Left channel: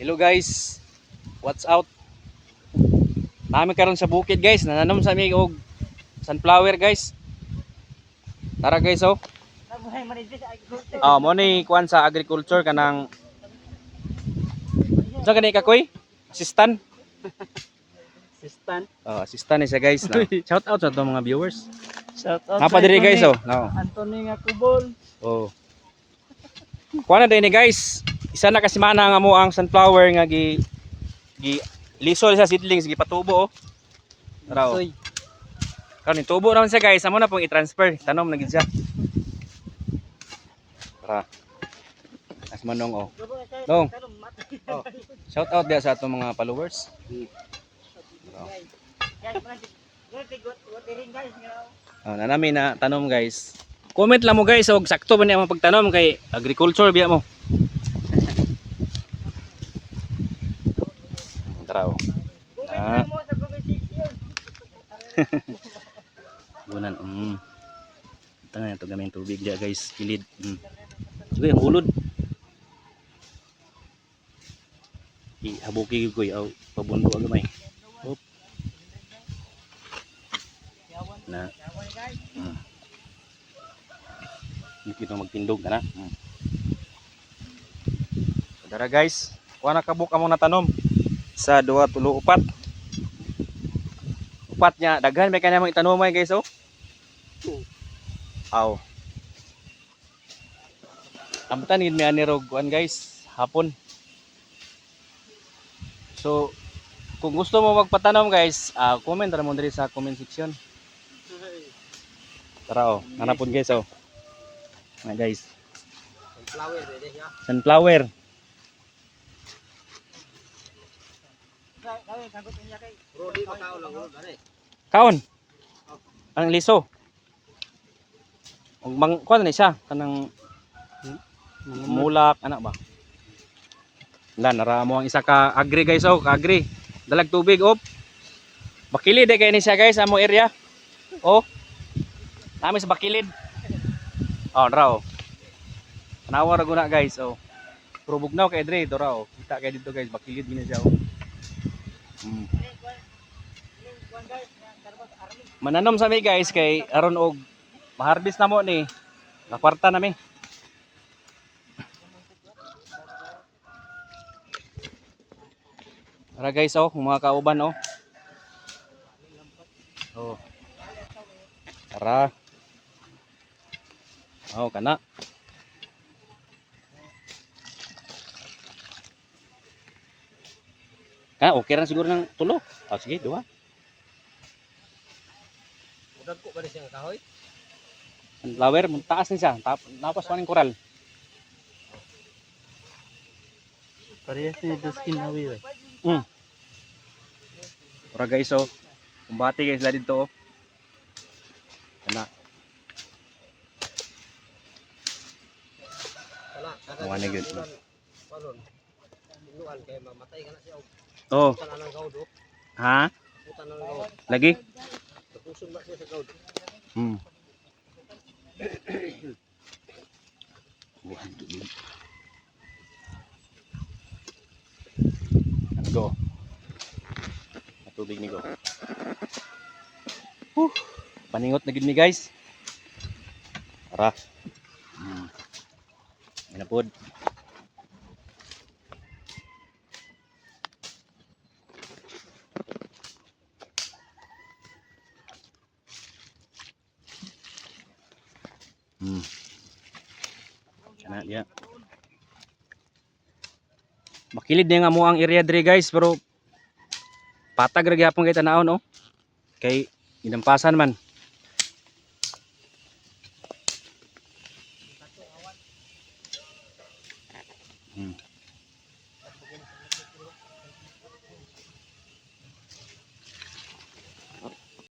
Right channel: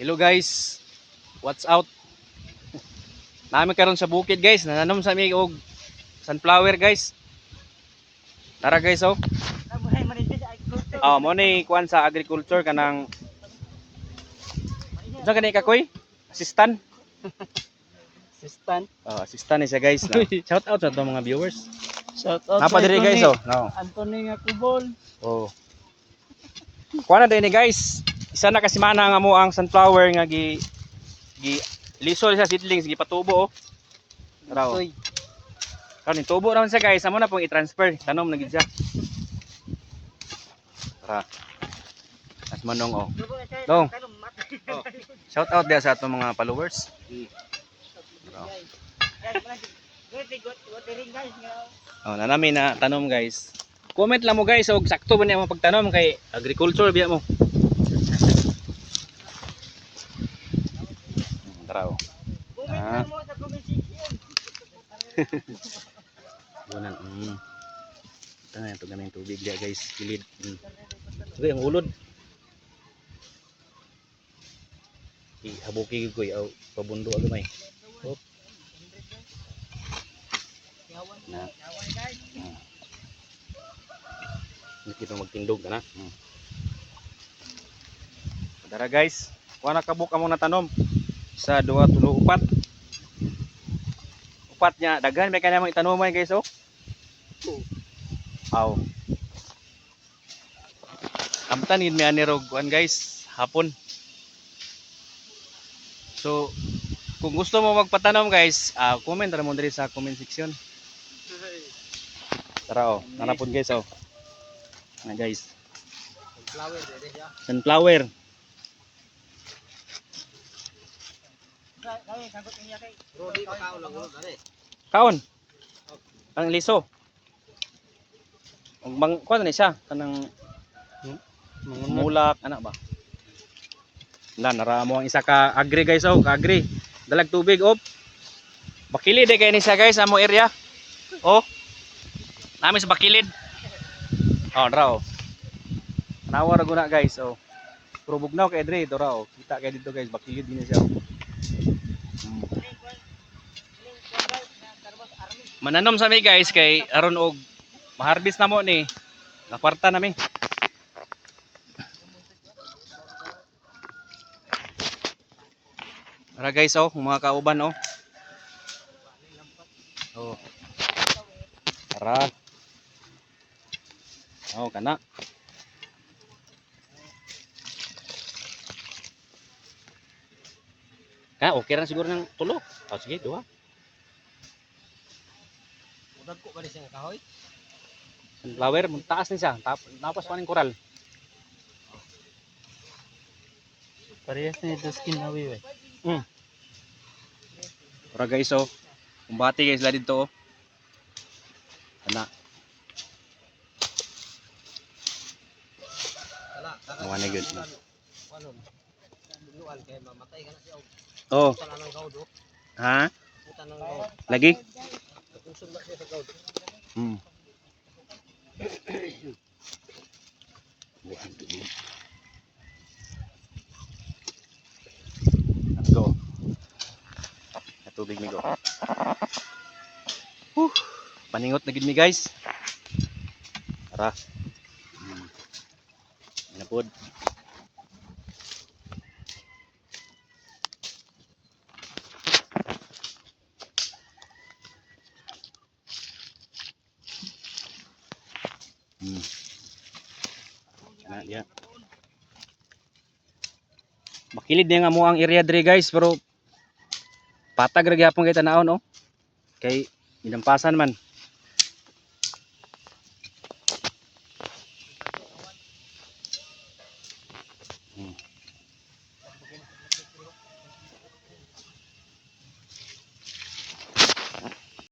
Hello guys, what's out? Nami karon sa bukid guys, nananom sa mi og sunflower guys. Tara guys oh. Mo ni kuan sa agriculture kanang unsa gani ka koy? Assistant. Assistant. Assistant ni siya guys. Shout out sa atong mga viewers. Shout out. Napa diri guys oh. Anthony nga kubol. Oh. Kuan na din ni guys. Isa na kasi mana nga mo ang sunflower nga gi lisol sa seedlings gi patubo oh. Tara oh. Karon tubo naman siya guys, amo na pong i-transfer. Tanom na gid siya. Tara. As manong oh. Dong. Oh. Shout out dia sa atong mga followers. Tara. Oh, nanami na tanom guys. Comment lang mo guys og sakto ba niya ang pagtanom kay agriculture biya mo. Tara oh. Comment mo sa comment section. Bunan. Tanga ito gamay tubig dia guys, kilid. Uy, ang ulod. Habuki ko aw pabundo agay. Hop. Na. Hindi pa magtindog na. Tara guys, kuha na kabuk among natanom. 1, 2, 3, 4. Upat niya, daghan may kanamang itanomay guys oh. Aw. Amtan gid mi ani rog kuan guys, hapon. So, kung gusto mo magpatanom guys, comment ra mo diri sa comment section. Tara oh, hanapon guys oh. Nga guys. Sunflower dito siya. Sunflower. Brody pa kao lang dere. Kaon. Ang liso. Og mang kuan ni siya kanang mulak ana ba. Nara mo ang isa ka agri guys oh, ka agri. Dalag tubig op. Bakilid kay ni siya guys amo area. Oh. Nami sa bakilid. Oh, raw. Tanawa ra guna guys oh. Pero bugnaw kay dre to raw. Kita kay dito guys bakilid ni siya oh. Mananom sa mi guys kay aron og ma-harvest na mo ni. Nakwarta na mi. Tara guys oh, mga kauban oh. Oh. Tara. Oh, kana. Okay lang siguro ng tulo. Sige, 2. Udag ko ba siyang kahoy? Sunflower, taas ni siya. Napas pa ng koral. Parehas ni Duskin Nawi wey. Tara guys oh. Kumbati guys la dito oh. Kana. Awan na good. Oh. Ha? Lagi? Go. Tubig mi go. Paningot na gid mi guys. Tara. Manapod. Kana dia. Makilid niya nga mo ang area diri guys pero patag ra gyapon kay tanawon oh. Kay ginampasan man.